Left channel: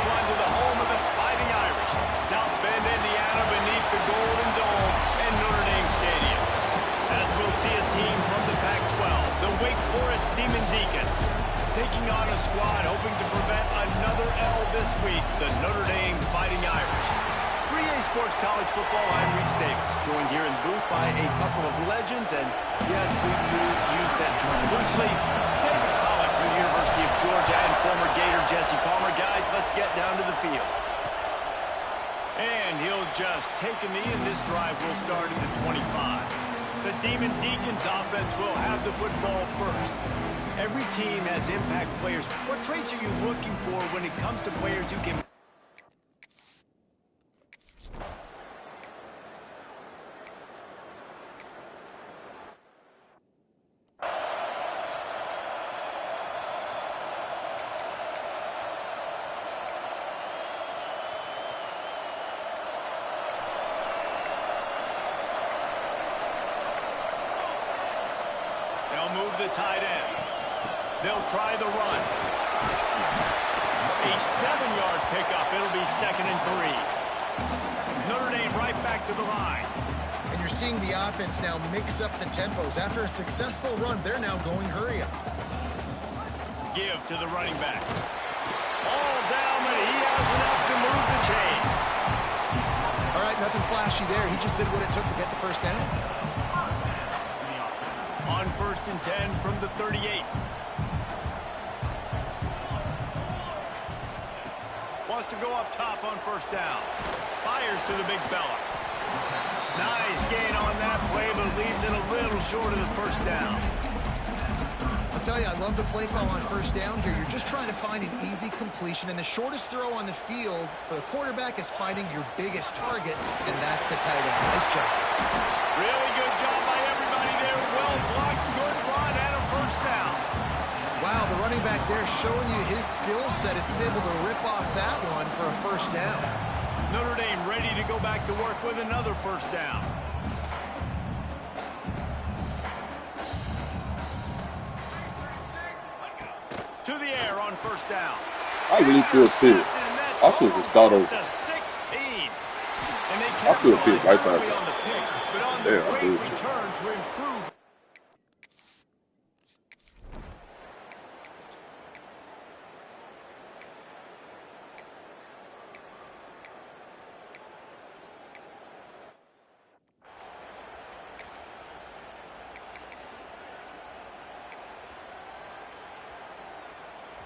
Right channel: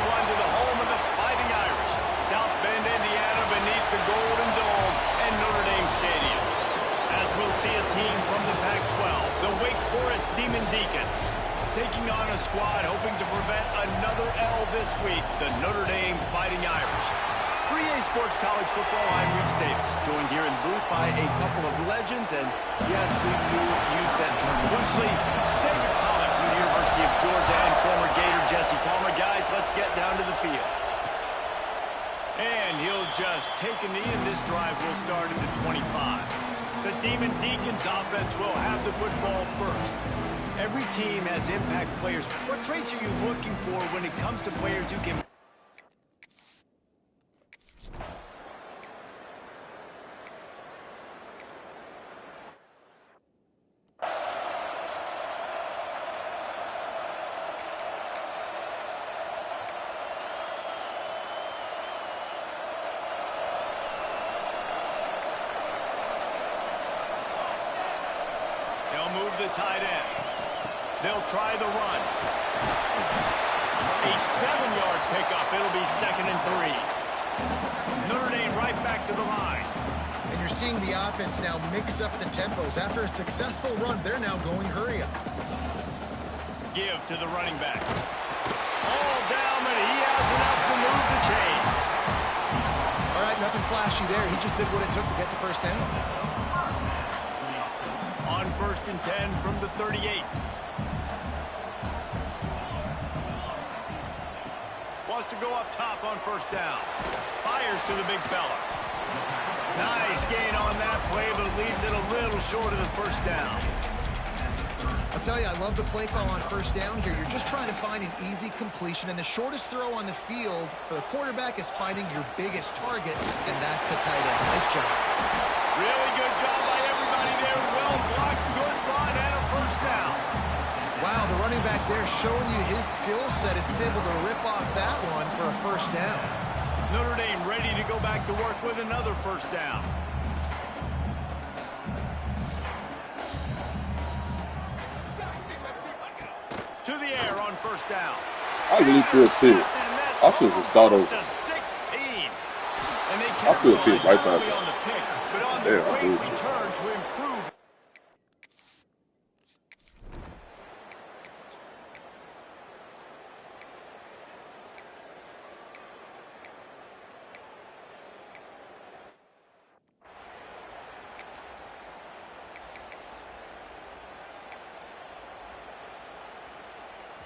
everyone, to the home of the Fighting Irish, South Bend, Indiana, beneath the Golden Dome and Notre Dame Stadium. As we'll see a team from the Pac-12, the Wake Forest Demon Deacons, taking on a squad hoping to prevent another L this week, the Notre Dame Fighting Irish. 3A Sports College Football, I'm Reese Davis, joined here in booth by a couple of legends, and yes, we do use that term loosely. David Pollock from the University of Georgia and former Gator Jesse Palmer. Guys, let's get down to the field. And he'll just take a knee, and this drive will start at the 25. The Demon Deacons offense will have the football first. Every team has impact players. What traits are you looking for when it comes to players who can... They'll move the tight end. They'll try the run. A 7-yard pickup. It'll be 2nd and 3. Notre Dame right back to the line. And you're seeing the offense now mix up the tempos. After a successful run, they're now going hurry up. Give to the running back. All down, but he has enough to move the chains. All right, nothing flashy there. He just did what it took to get the first down. On 1st and 10 from the 38. Wants to go up top on 1st down. Fires to the big fella. Nice gain on that play, but leaves it a little short of the 1st down. I'll tell you, I love the play call on 1st down here. You're just trying to find an easy completion, and the shortest throw on the field for the quarterback is finding your biggest target, and that's the tight end. Nice job. Really good job by everybody there. Well blocked, good run, and a 1st down. Wow, the running back there showing you his skill set as he's able to rip off that one for a 1st down. Notre Dame ready to go back to work with another 1st down. To the air on 1st down. I really feel too. I should have start over. To 16. And they I feel capitalized right not only back. on the pick, but on the Yeah, great return to improve.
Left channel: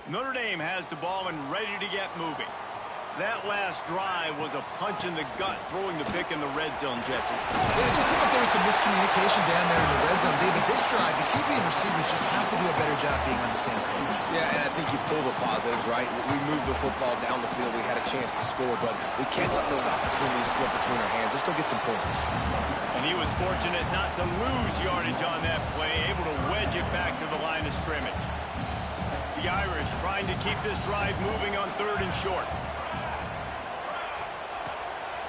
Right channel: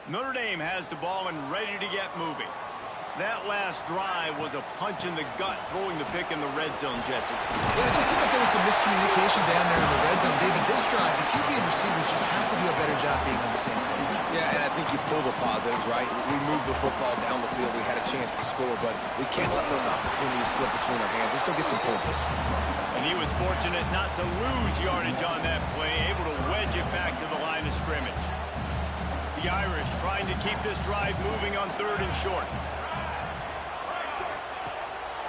Notre Dame has the ball and ready to get moving. That last drive was a punch in the gut, throwing the pick in the red zone, Jesse. Yeah, it just seemed like there was some miscommunication down there in the red zone. David, this drive, the QB and receivers just have to do a better job being on the same page. Yeah, and I think you pull the positives, right? We moved the football down the field. We had a chance to score, but we can't let those opportunities slip between our hands. Let's go get some points. And he was fortunate not to lose yardage on that play, able to wedge it back to the line of scrimmage. The Irish trying to keep this drive moving on 3rd and short.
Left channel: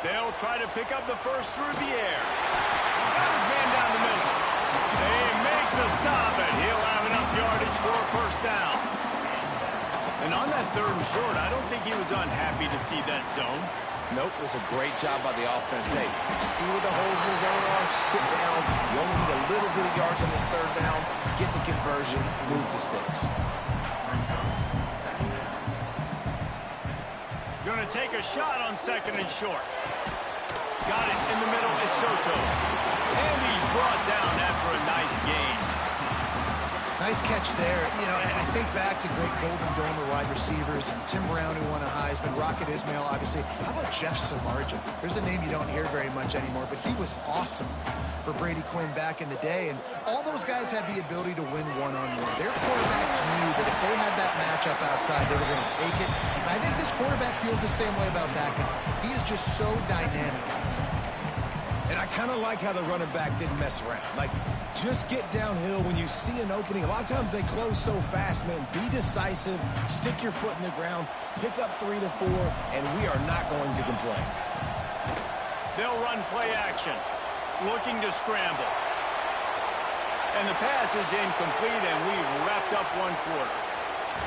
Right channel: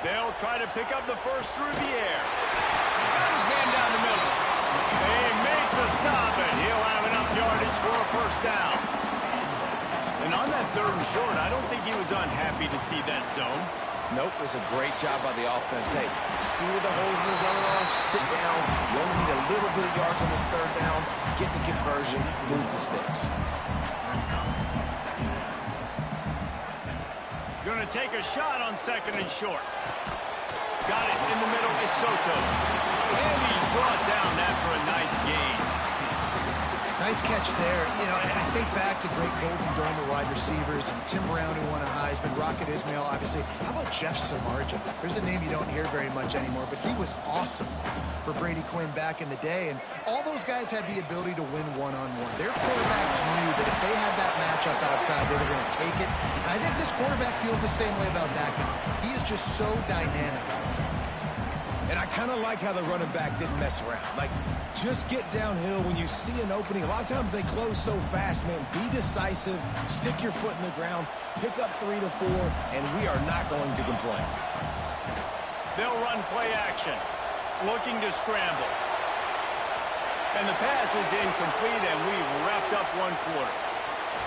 They'll try to pick up the first through the air. Got his man down the middle. They make the stop, and he'll have enough yardage for a 1st down. And on that 3rd and short, I don't think he was unhappy to see that zone. Nope, it was a great job by the offense. Hey, see where the holes in the zone are? Sit down. You only need a little bit of yards on this 3rd down. Get the conversion. Move the sticks. Going to take a shot on 2nd and short. Got it in the middle. It's Soto. And he's brought down after a nice gain. Nice catch there. You know, I think back to great Golden Domer wide receivers and Tim Brown, who won a Heisman, Rocket Ismail, obviously. How about Jeff Samardzija? There's a name you don't hear very much anymore, but he was awesome for Brady Quinn back in the day. And all those guys had the ability to win one-on-one. Their quarterbacks knew that if they had that matchup outside, they were going to take it. And I think this quarterback feels the same way about that guy. He is just so dynamic outside. And I kind of like how the running back didn't mess around. Like, just get downhill when you see an opening. A lot of times they close so fast, man. Be decisive, stick your foot in the ground, pick up 3 to 4, and we are not going to complain. They'll run play action, looking to scramble. And the pass is incomplete, and we've wrapped up one quarter.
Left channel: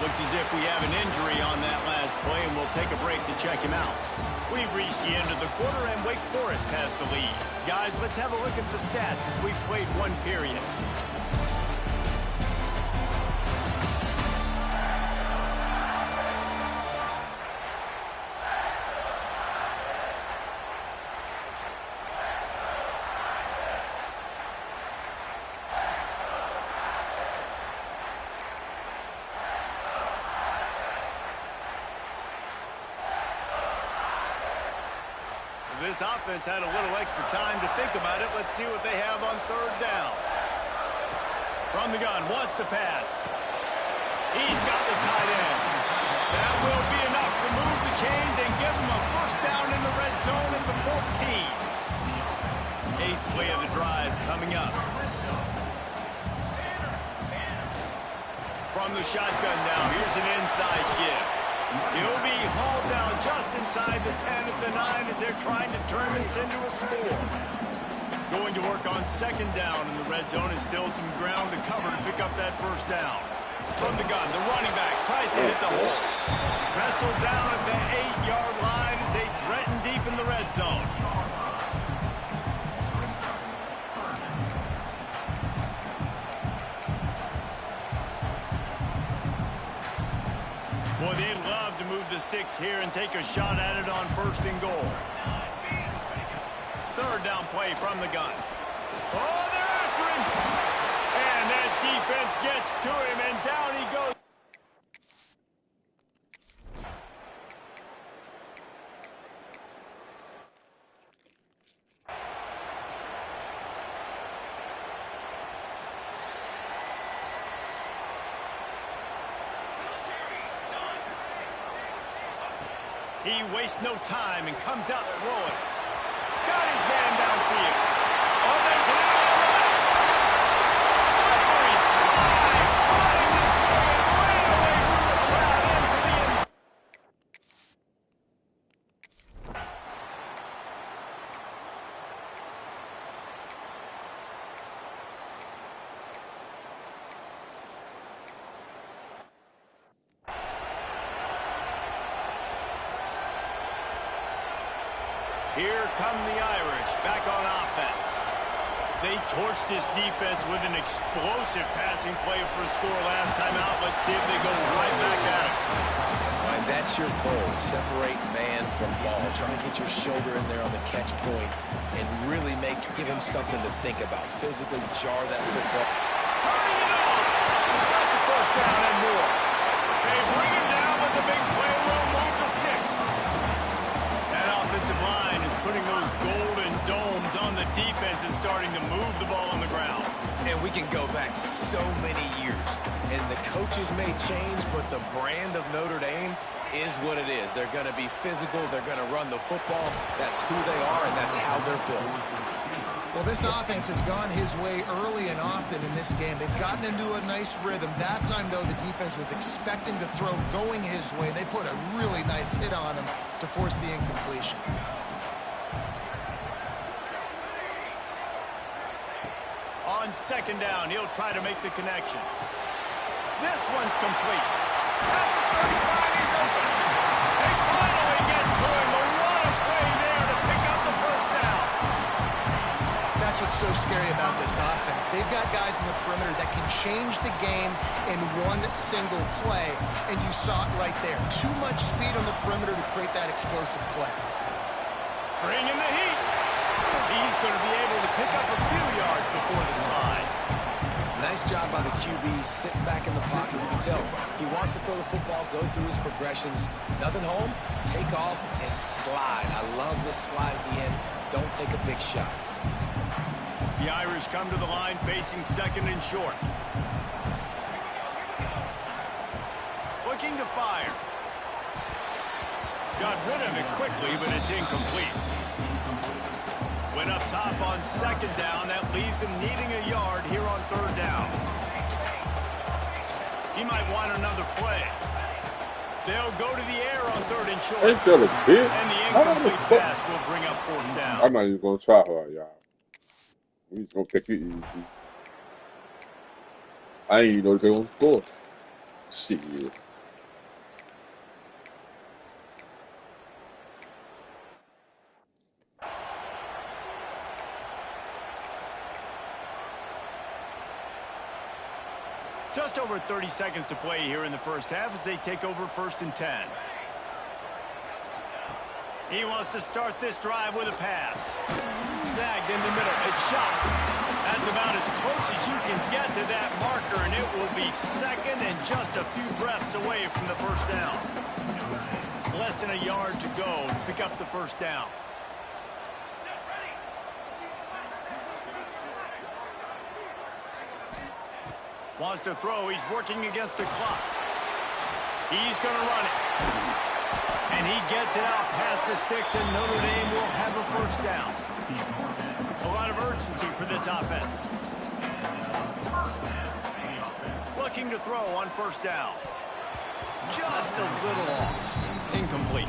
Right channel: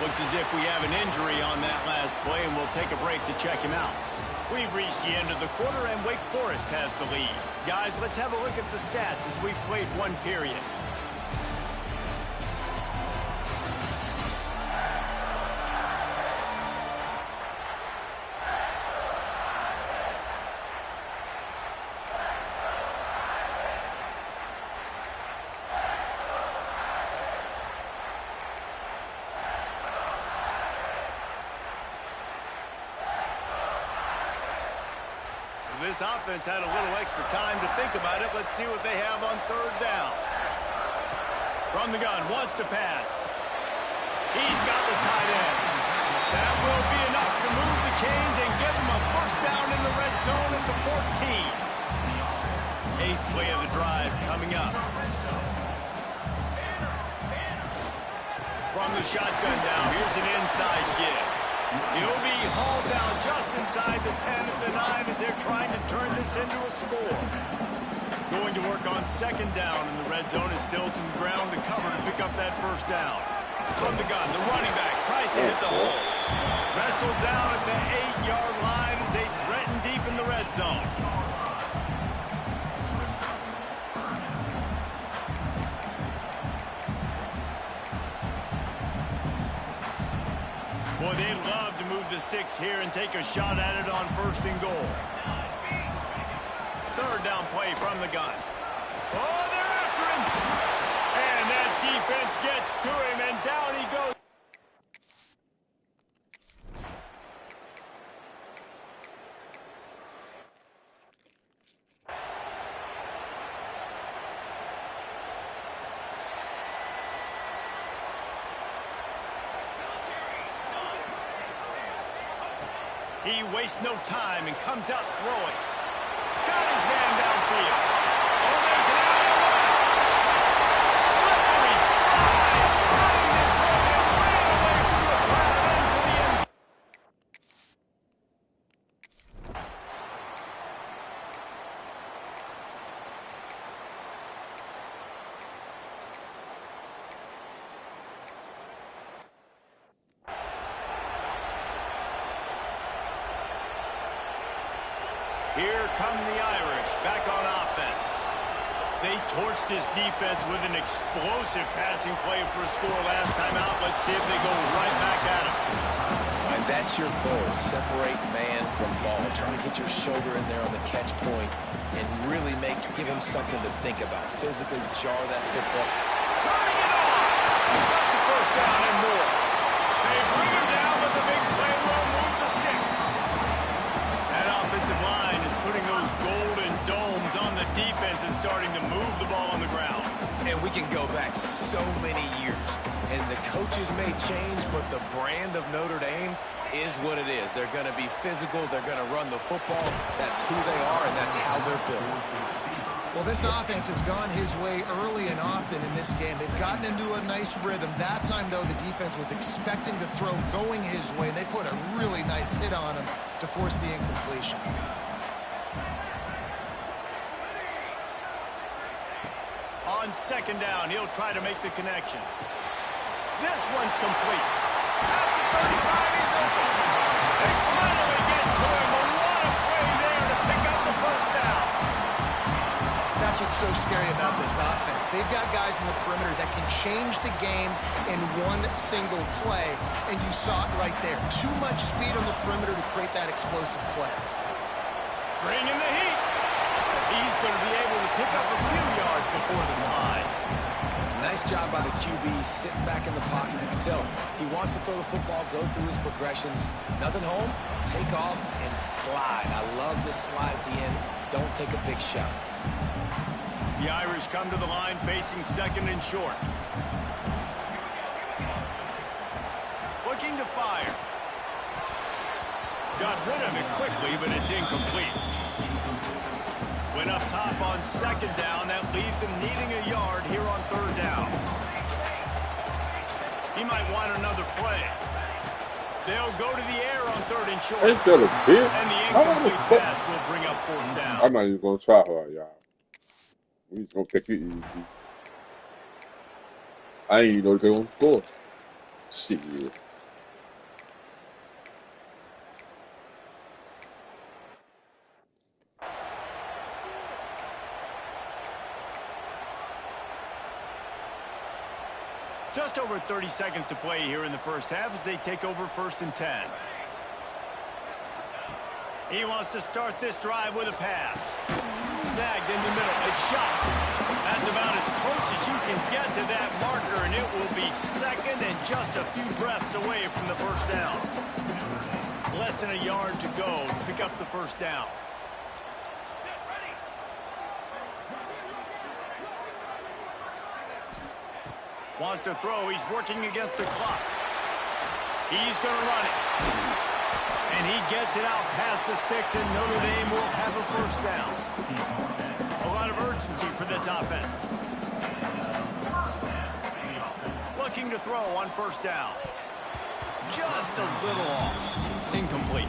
Looks as if we have an injury on that last play, and we'll take a break to check him out. We've reached the end of the quarter, and Wake Forest has the lead. Guys, let's have a look at the stats as we've played one period. This offense had a little extra time to think about it. Let's see what they have on third down. From the gun, wants to pass. He's got the tight end. That will be enough to move the chains and give him a first down in the red zone at the 14. Eighth play of the drive coming up. From the shotgun now, here's an inside give. He'll be hauled down just inside the 10 at the 9 as they're trying to turn this into a score. Going to work on second down in the red zone is still some ground to cover to pick up that first down. From the gun, the running back tries to hit the hole. Wrestled down at the 8-yard line as they threaten deep in the red zone. Boy, they'd love to move the sticks here and take a shot at it on first and goal. Third down play from the gun. Oh, they're after him. And that defense gets to him, and down he goes. He wastes no time and comes out throwing. Got his man downfield. Oh, there's an alley on the left. Slippery slide. Find his way and ran away from the crowd into the end zone. Here come the Irish back on offense. They torched this defense with an explosive passing play for a score last time out. Let's see if they go right back at him. And that's your goal. Separate man from ball. Trying to get your shoulder in there on the catch point and really give him something to think about. Physically jar that football. Turning it on. Got the first down and more. They bring him down, but the big play will move the sticks. That offensive line is putting those golden domes on the defense and starting to move the ball on the ground. And we can go back so many years. And the coaches may change, but the brand of Notre Dame is what it is. They're going to be physical. They're going to run the football. That's who they are, and that's how they're built. Well, this offense has gone his way early and often in this game. They've gotten into a nice rhythm. That time, though, the defense was expecting the throw going his way. They put a really nice hit on him to force the incompletion. On second down, he'll try to make the connection. This one's complete. At the 35, he's open. They finally get to him, but what a play there to pick up the first down. That's what's so scary about this offense. They've got guys in the perimeter that can change the game in one single play, and you saw it right there. Too much speed on the perimeter to create that explosive play. Bring in the heat. He's going to be able to pick up a few yards before the slide. Nice job by the QB sitting back in the pocket. You can tell he wants to throw the football, go through his progressions. Nothing home, take off, and slide. I love this slide at the end. Don't take a big shot. The Irish come to the line facing second and short. Looking to fire. Got rid of it quickly, but it's incomplete. Went up top on second down. That leaves him needing a yard here on third down. He might want another play. They'll go to the air on third and short. Ain't that a bitch? And the incomplete pass will bring up fourth down. I'm not even going to try hard, y'all. We just going to take it easy. I ain't even know they going to score. Shit. Just over 30 seconds to play here in the first half as they take over 1st and 10. He wants to start this drive with a pass. Snagged in the middle. It's shot. That's about as close as you can get to that marker, and it will be second and just a few breaths away from the first down. Less than a yard to go to pick up the first down. Wants to throw. He's working against the clock. He's going to run it. And he gets it out past the sticks, and Notre Dame will have a first down. A lot of urgency for this offense. Looking to throw on first down. Just a little off. Incomplete.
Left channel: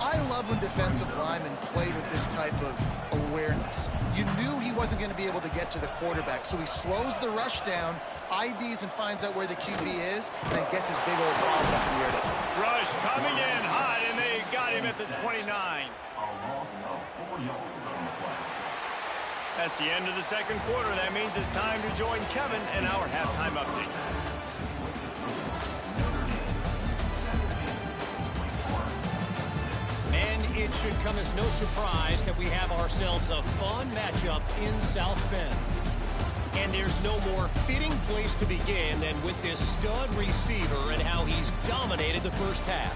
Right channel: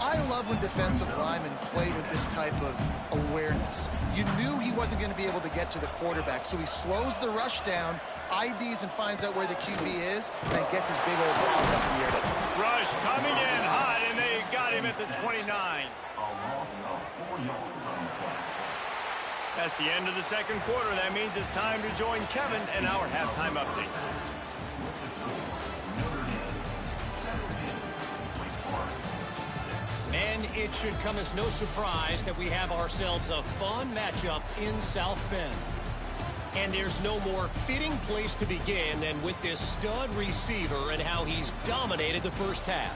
I love when defensive linemen play with this type of awareness. You knew he wasn't going to be able to get to the quarterback, so he slows the rush down, IDs and finds out where the QB is, and then gets his big old paws up in the air. Rush coming in hot, and they got him at the 29. A loss of 4 yards on the play. That's the end of the second quarter. That means it's time to join Kevin and our halftime update. And it should come as no surprise that we have ourselves a fun matchup in South Bend. And there's no more fitting place to begin than with this stud receiver and how he's dominated the first half.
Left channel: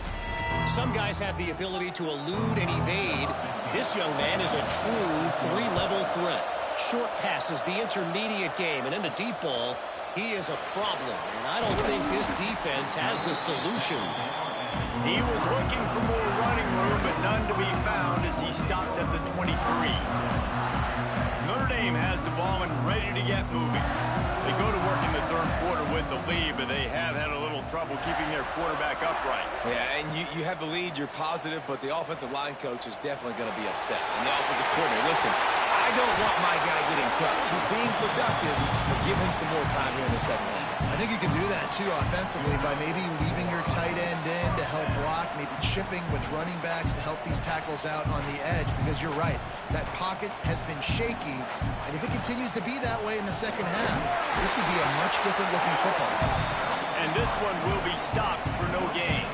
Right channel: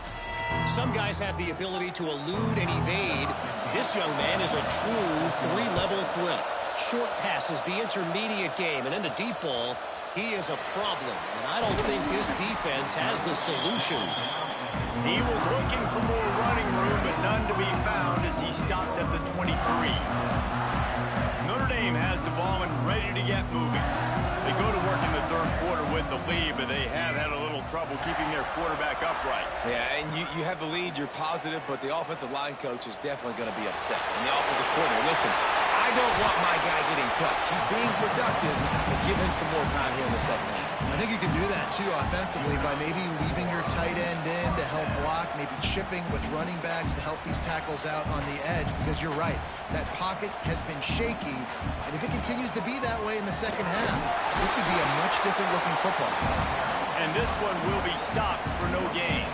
Some guys have the ability to elude and evade. This young man is a true three-level threat. Short passes, the intermediate game, and then the deep ball. He is a problem, and I don't think this defense has the solution. He was looking for more running room, but none to be found as he stopped at the 23. Notre Dame has the ball and ready to get moving. They go to work in the third quarter with the lead, but they have had a little trouble keeping their quarterback upright. Yeah, and you have the lead, you're positive, but the offensive line coach is definitely going to be upset. And the offensive coordinator, listen, I don't want my guy getting touched. He's being productive, but give him some more time here in the second half. I think you can do that, too, offensively, by maybe leaving your tight end in to help block, maybe chipping with running backs to help these tackles out on the edge, because you're right, that pocket has been shaky, and if it continues to be that way in the second half, this could be a much different looking football. And this one will be stopped for no gain.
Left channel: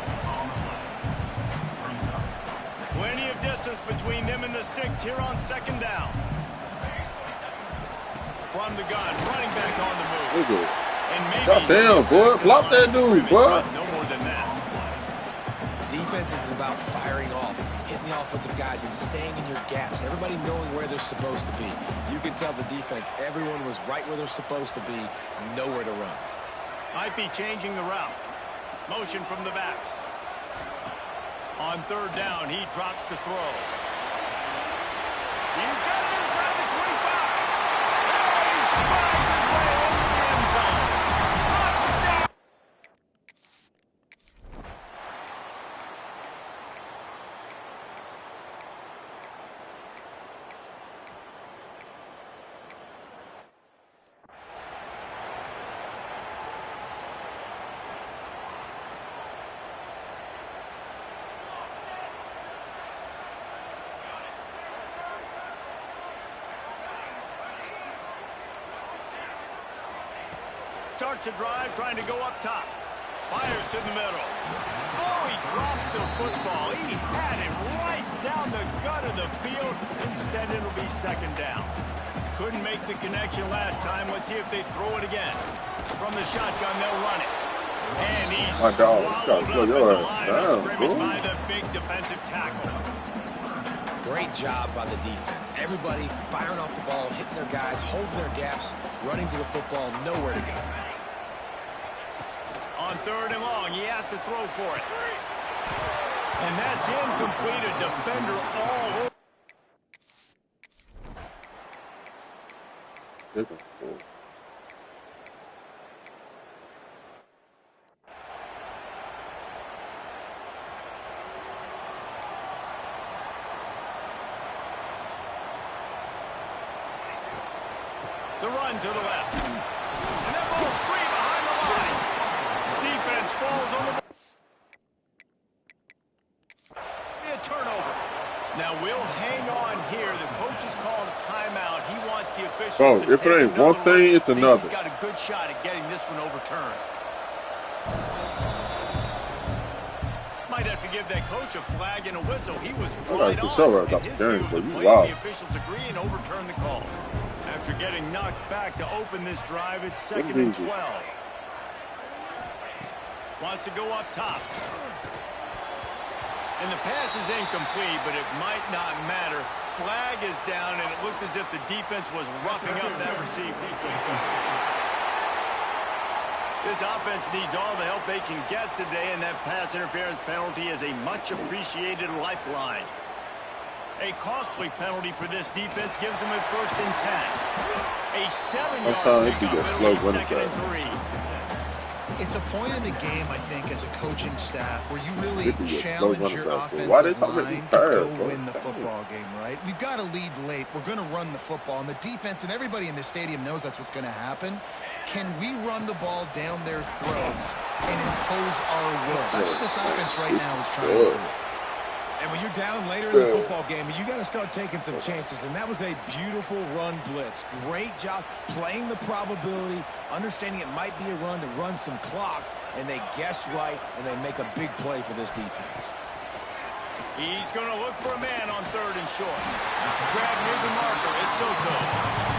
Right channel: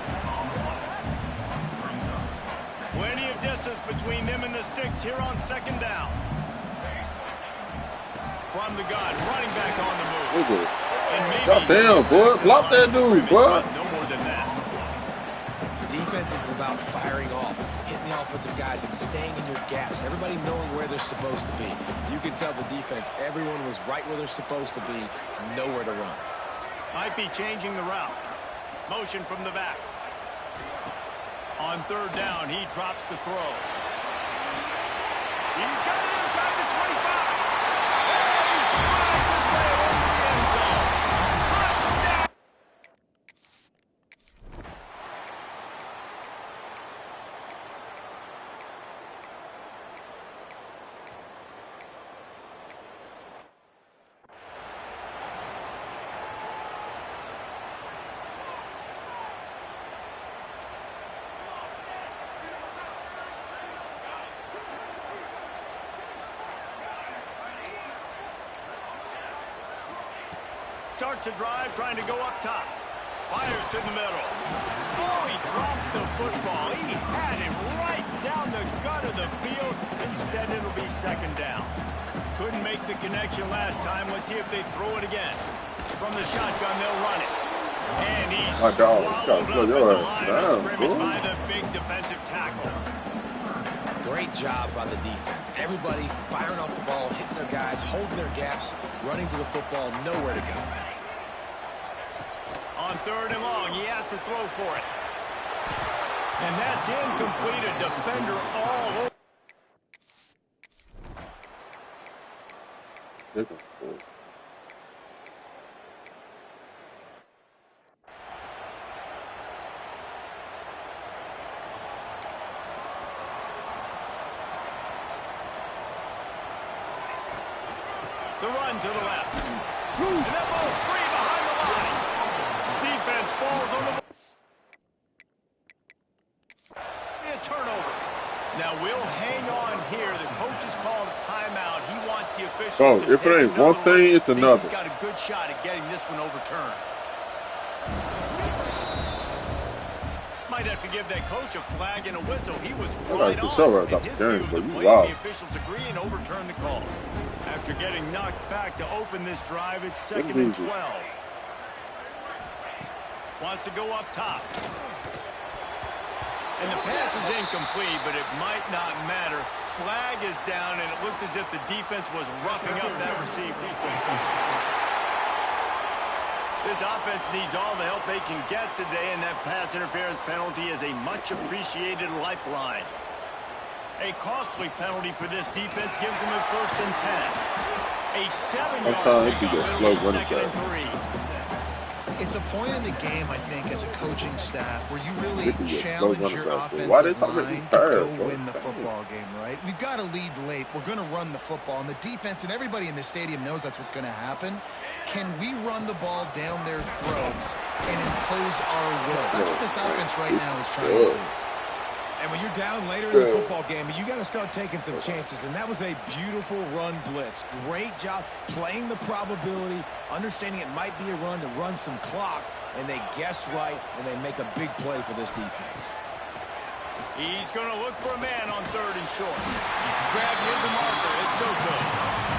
Plenty of distance between them and the sticks here on second down. From the gun, running back on the move. And maybe goddamn, boy. Block that dude, boy. No more than that. Defense is about firing off, hitting the offensive guys, and staying in your gaps. Everybody knowing where they're supposed to be. You can tell the defense, everyone was right where they're supposed to be, nowhere to run. Might be changing the route. Motion from the back. On third down, he drops to throw. He's got it inside the 25. And he strides his way into the end zone. Touchdown! Starts a drive trying to go up top. Fires to the middle. Oh, he drops the football. He had it right down the gut of the field. Instead, it'll be second down. Couldn't make the connection last time. Let's see if they throw it again. From the shotgun, they'll run it. And he's swallowed up at the line of scrimmage by the big defensive tackle. Great job by the defense. Everybody firing off the ball, hitting their guys, holding their gaps, running to the football, nowhere to go. On third and long, he has to throw for it. And that's incomplete. A defender all over. The run to the left. And that ball's free behind the line. defense falls on the a turnover. Now we'll hang on here. The coach has called a timeout. He wants the officials to If take it ain't one thing, it's another. He's got a good shot at getting this one overturned. Might have to give that coach a flag and a whistle. He was right on. In his view of the play, the officials agree and overturn the call. After getting knocked back to open this drive, it's 2nd and 12. Wants to go up top. And the pass is incomplete, but it might not matter. Flag is down, and it looked as if the defense was roughing up that receiver. This offense needs all the help they can get today, and that pass interference penalty is a much-appreciated lifeline. A costly penalty for this defense gives them a 1st and 10. A 7-yard pickup. It'll be 2nd and 3. It's a point in the game, I think, as a coaching staff where you really challenge your offensive line to go win the football game, right? We've got to lead late. We're going to run the football. And the defense and everybody in the stadium knows that's what's going to happen. Can we run the ball down their throats and impose our will? That's what this offense right now is trying to do. And when you're down later in the football game, you got to start taking some chances. And that was a beautiful run blitz. Great job playing the probability, understanding it might be a run to run some clock, and they guess right, and they make a big play for this defense. He's going to look for a man on 3rd and short. Grab near the marker. It's Soto.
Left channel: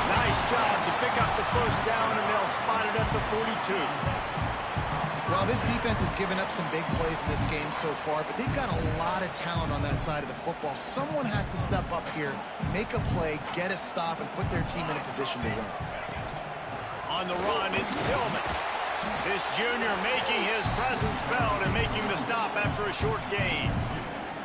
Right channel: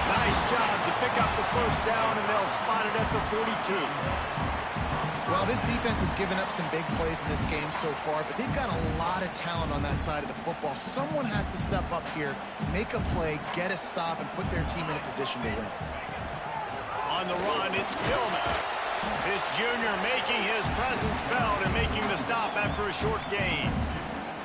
Nice job to pick up the 1st down, and they'll spot it at the 42. Well, this defense has given up some big plays in this game so far, but they've got a lot of talent on that side of the football. Someone has to step up here, make a play, get a stop, and put their team in a position to win. On the run, it's Tillman. This junior making his presence felt and making the stop after a short gain.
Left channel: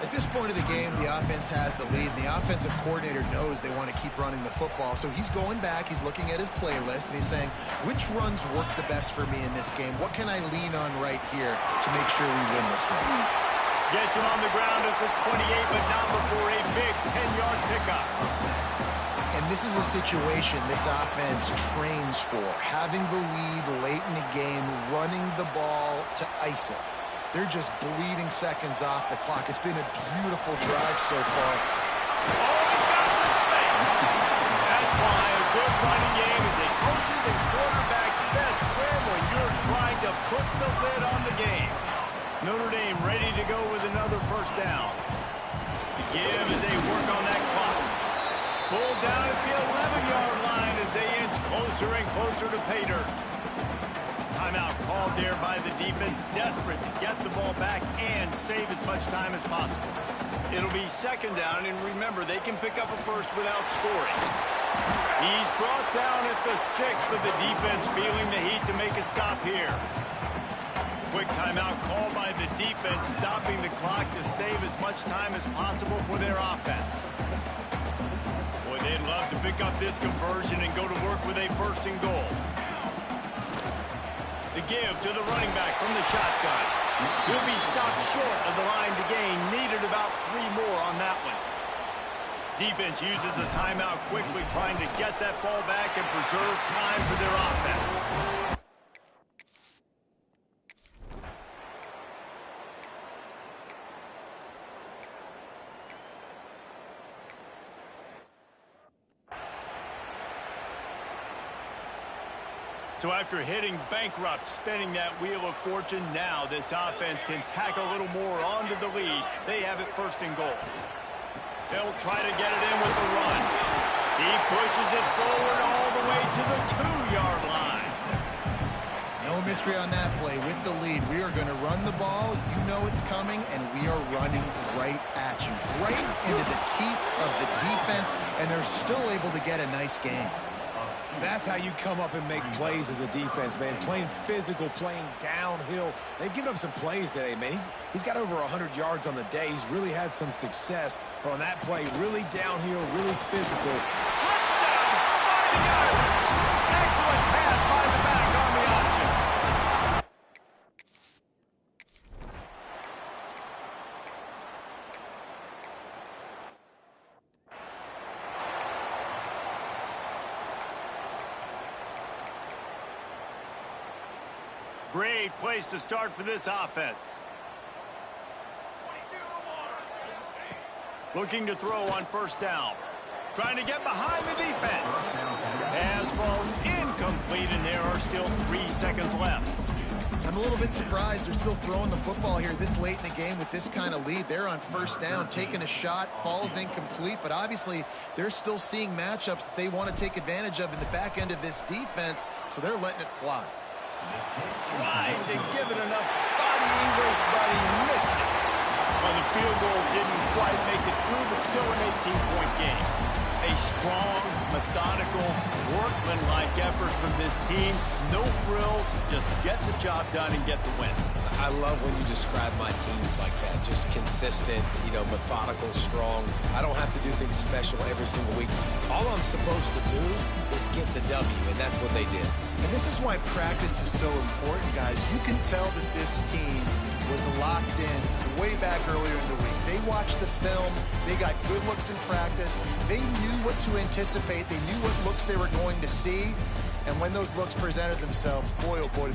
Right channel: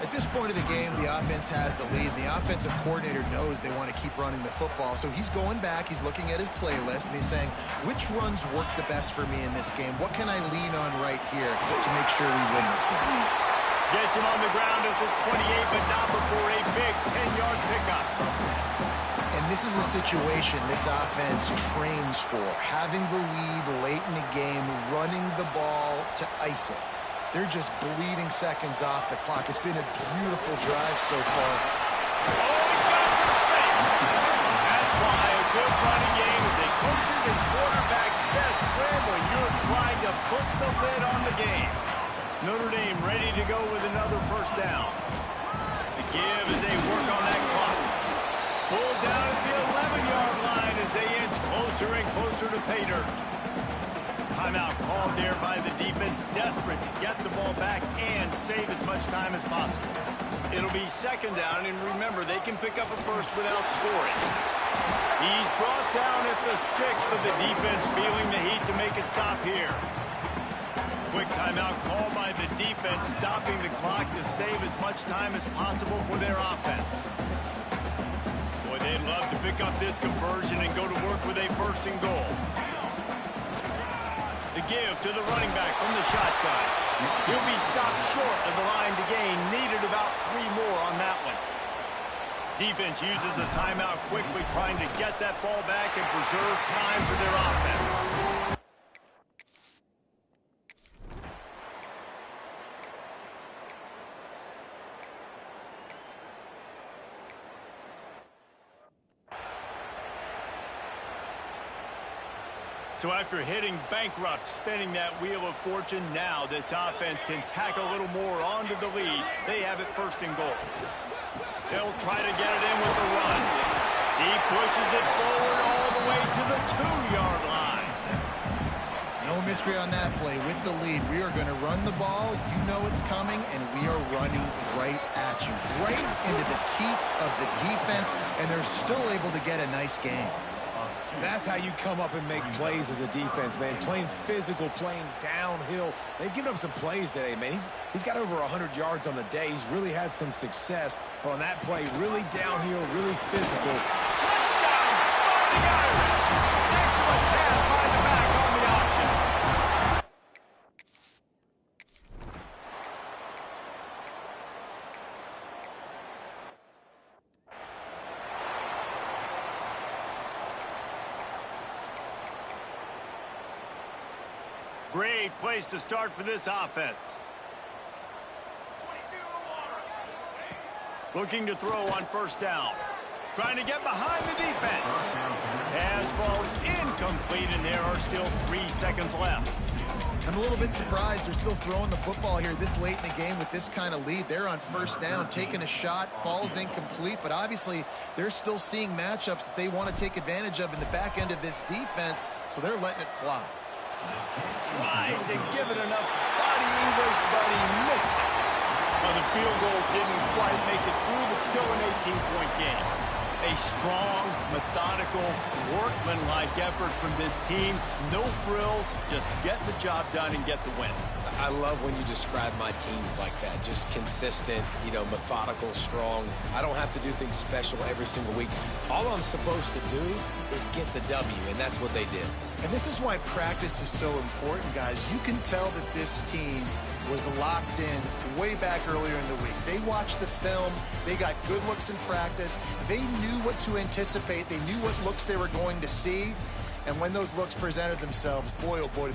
At this point of the game, the offense has the lead. The offensive coordinator knows they want to keep running the football. So he's going back, he's looking at his playlist, and he's saying, which runs work the best for me in this game? What can I lean on right here to make sure we win this one? Gets him on the ground at the 28, but not before a big 10-yard pickup. And this is a situation this offense trains for. Having the lead late in the game, running the ball to ice it. They're just bleeding seconds off the clock. It's been a beautiful drive so far. Oh, he's got some space. That's why a good running game is a coach's and quarterback's best friend when you're trying to put the lid on the game. Notre Dame ready to go with another 1st down. The give as they work on that clock. Pulled down at the 11-yard line as they inch closer and closer to pay dirt. Timeout called there by the defense, desperate to get the ball back and save as much time as possible. It'll be 2nd down, and remember, they can pick up a 1st without scoring. He's brought down at the 6, but the defense feeling the heat to make a stop here. Quick timeout called by the defense, stopping the clock to save as much time as possible for their offense. Boy, they'd love to pick up this conversion and go to work with a 1st and goal. The give to the running back from the shotgun. He'll be stopped short of the line to gain. Needed about 3 more on that one. Defense uses a timeout quickly, trying to get that ball back and preserve time for their offense. So after hitting bankrupt, spinning that wheel of fortune, now this offense can tack a little more onto the lead. They have it 1st and goal. They'll try to get it in with the run. He pushes it forward all the way to the 2-yard line. No mystery on that play. With the lead, we are going to run the ball. You know it's coming, and we are running right at you. Right into the teeth of the defense, and they're still able to get a nice game. That's how you come up and make plays as a defense, man. Playing physical, playing downhill. They've given up some plays today, man. He's got over 100 yards on the day. He's really had some success. But on that play, really downhill, really physical. Touchdown, Fighting Irish. Excellent pass by the back on the option. Great place to start for this offense. Looking to throw on first down. Trying to get behind the defense. Pass falls incomplete, and there are still 3 seconds left. I'm a little bit surprised they're still throwing the football here this late in the game with this kind of lead. They're on first down, taking a shot, falls incomplete, but obviously they're still seeing matchups that they want to take advantage of in the back end of this defense, so they're letting it fly. Tried to give it enough body English, but he missed it. Well, the field goal didn't quite make it through, but still an 18-point game. A strong, methodical, workmanlike effort from this team. No frills, just get the job done and get the win. I love when you describe my teams like that. Just consistent, methodical, strong. I don't have to do things special every single week. All I'm supposed to do is get the W, and that's what they did. And this is why practice is so important, guys. You can tell that this team was locked in way back earlier in the week. They watched the film. They got good looks in practice. They knew what to anticipate. They knew what looks they were going to see. And when those looks presented themselves, boy, oh boy,